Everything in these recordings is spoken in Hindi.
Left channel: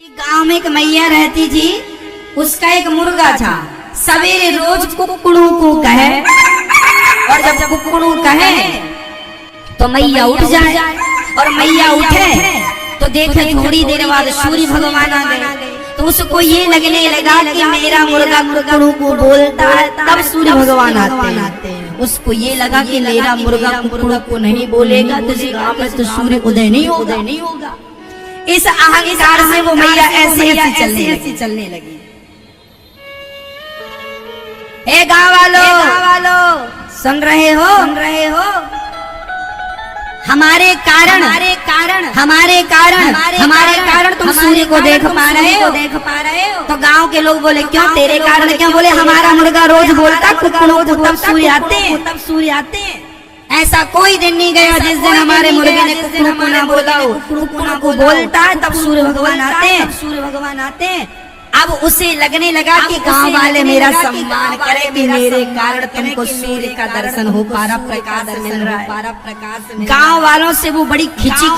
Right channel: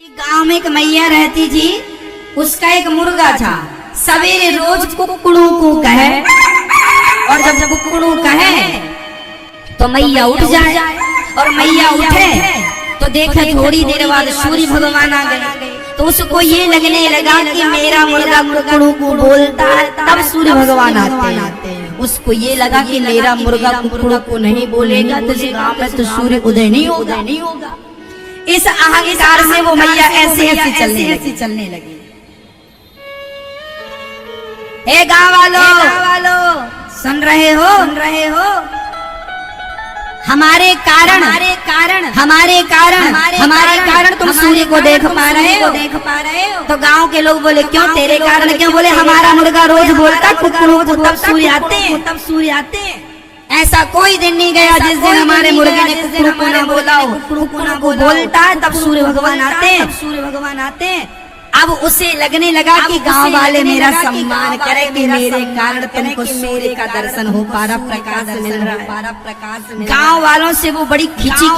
गांव में एक मैया रहती थी। उसका एक मुर्गा था। सवेरे रोज कुकड़ू को कहे, और जब कुकड़ू कहे तो मैया उठ जाए, और मैया उठे तो देखे थोड़ी देर बाद सूर्य भगवान आ गए। तो उसको ये लगने लगा कि मेरा मुर्गा कुकड़ू को बोलता है, तब सूर्य भगवान आते हैं। उसको ये लगा कि मेरा मुर्गा कुकड़ू को नहीं बोलेगा तो इस गांव में तो सूर्य उदय नहीं होगा। इस अहंकार से वो मैया ऐसे चलने लगी। हे गांव वालों, सुन रहे हो? हमारे कारण तुम सूर्य को देख पा रहे हो। तो गांव के लोग बोले क्यों? तेरे कारण क्यों? बोले हमारा मुर्गा रोज बोलता कुकड़ू को, तब सूर्य आते हैं। ऐसा कोई दिन नहीं गया जिस दिन हमारे मुर्गे ने कुकड़ू को ना बोला हो। कुकड़ू को बोलता है तब सूर्य भगवान आते हैं। अब उसे लगने लगा कि गांव वाले मेरा सम्मान करें कि मेरे कारण तुमको सूर्य का दर्शन हो पा रहा, प्रकाश मिल रहा है। गांव वालों से वो बड़ी खिंची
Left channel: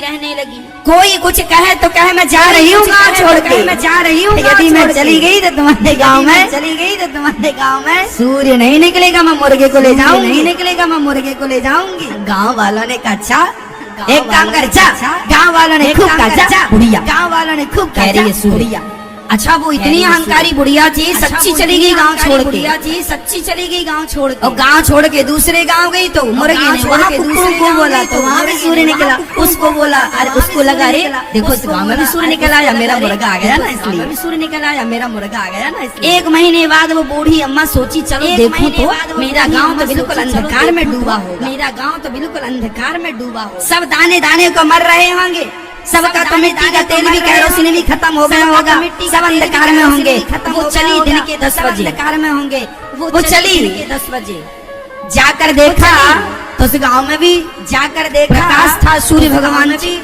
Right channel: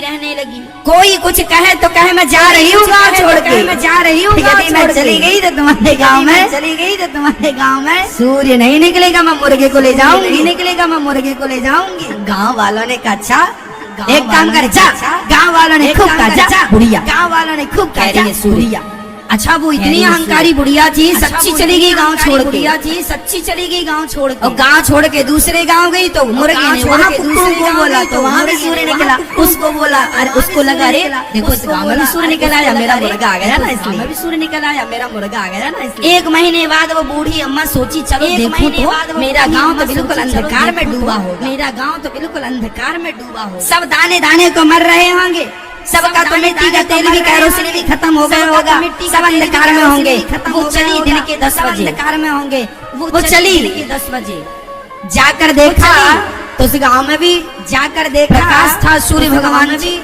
रहने लगी। कोई कुछ कहे तो कहे मैं जा रही हूँ गाँव छोड़ के। यदि मैं चली गई तो तुम्हारे गाँव में सूर्य नहीं निकलेगा, मैं मुर्गे को ले जाऊंगी। गाँव वालों ने कहा अच्छा एक काम कर, जा। गाँव वालों ने खूब कहा बुढ़िया। कह रही है सूर्य। अच्छा वो इतनी अहंकारी बुढ़िया थी, सच्ची चली गई गांव छोड़ के। और गांव छोड़ के दूसरे गांव गई तो मुर्गे ने वहाँ दूसरे को बोला तो वहाँ भी सूर्य निकला। उसको बोला, अरे उसको लगा अरे देखो इस गांव में भी सूर्य निकल आया, मेरा मुर्गा आ गया ना इसलिए। एक महीने बाद वो बूढ़ी अम्मा सोची चलो देखूं तो मेरा गाँव तो बिल्कुल अंधकार में डूबा होगा। सब दाने दाने को मर रहे होंगे, सबका तो मिट्टी का तेल भी केरोसिन भी खत्म हो गया होगा, सब अंधकार में होंगे। वो चली दिन के 10 बजे। जाकर देखा तो उस गांव में भी प्रकाश था, सूर्य भगवान जी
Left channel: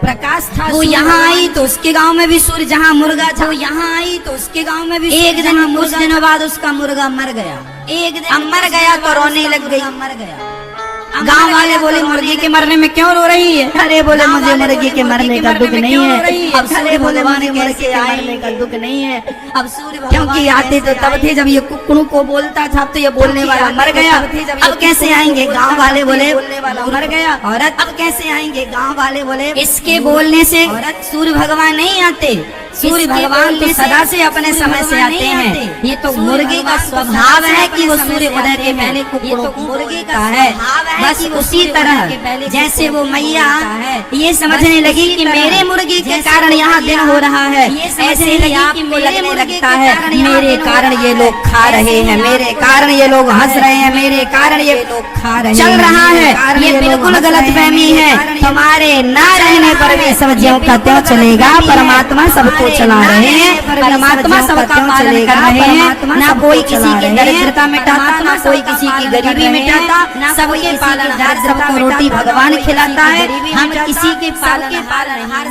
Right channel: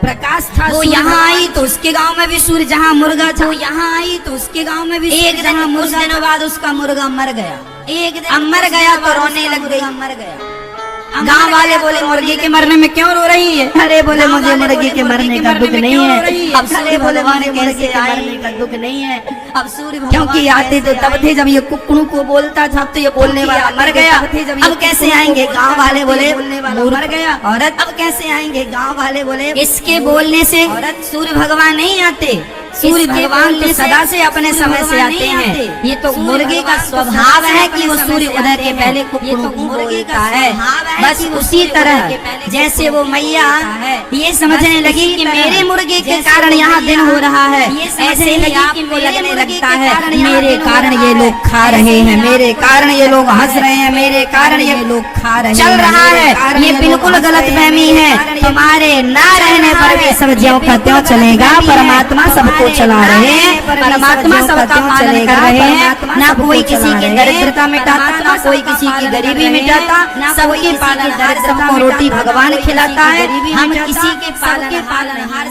प्रकाश था। वो यहाँ आई तो उसके गांव में भी सूर्य, जहाँ मुर्गा था एक दिन कुछ दिनों बाद उसका मुर्गा मर गया। तो रोने लग गई। गांव वाले बोले मुर्गे के मरने में क्यों रो रही है? अरे बोले मुझे मुर्गे के मरने का दुख नहीं है। अब सूर्य भगवान कैसे आए का दुख नहीं है। अब सूर्य क्योंकि आते तो तब थे जब ये कुकड़ू को बोलता था, तो ये बोलने वाला मर गया। अब कैसे आएंगे? गांव वाले बोले मर गया। औरत अब कैसे आएंगे? गांव वाले बोले इसके बोलने से सूर्य भगवान नहीं आते। सूर्य भगवान तो सदा से अपने समय से आते हैं। ये तो मुर्गे का स्वभाव है कि वो सूर्य उदय के पहले कुकड़ू को बोलता है। बस उसी तरह जैसे वो मैया ये समझने लगी कि मेरे मुर्गे के कारण यहाँ दिन हो रहा है, ऐसे ही आपको लगने लगता है मेरे कारण ये लोग खा रहे हैं, मेरे कारण ये लोग हंस रहे हैं, मेरे कारण ये लोग खा रहे हैं, चल रहा है। ये बिल्कुल गलतफहमी है। तुम्हारे ना रहने पर भी सब ज्यों का त्यों चलेगा। परमात्मा सबको चला रहे हैं, परमात्मा सबका पालन कर रहे हैं। ना कोई किसी की दरिद्रता मिटाता, ना कोई किसी की गरीबी मिटाता। सबके पालनहार, सबको रोटी भगवान खिलाता है। हम किसी के पालनहार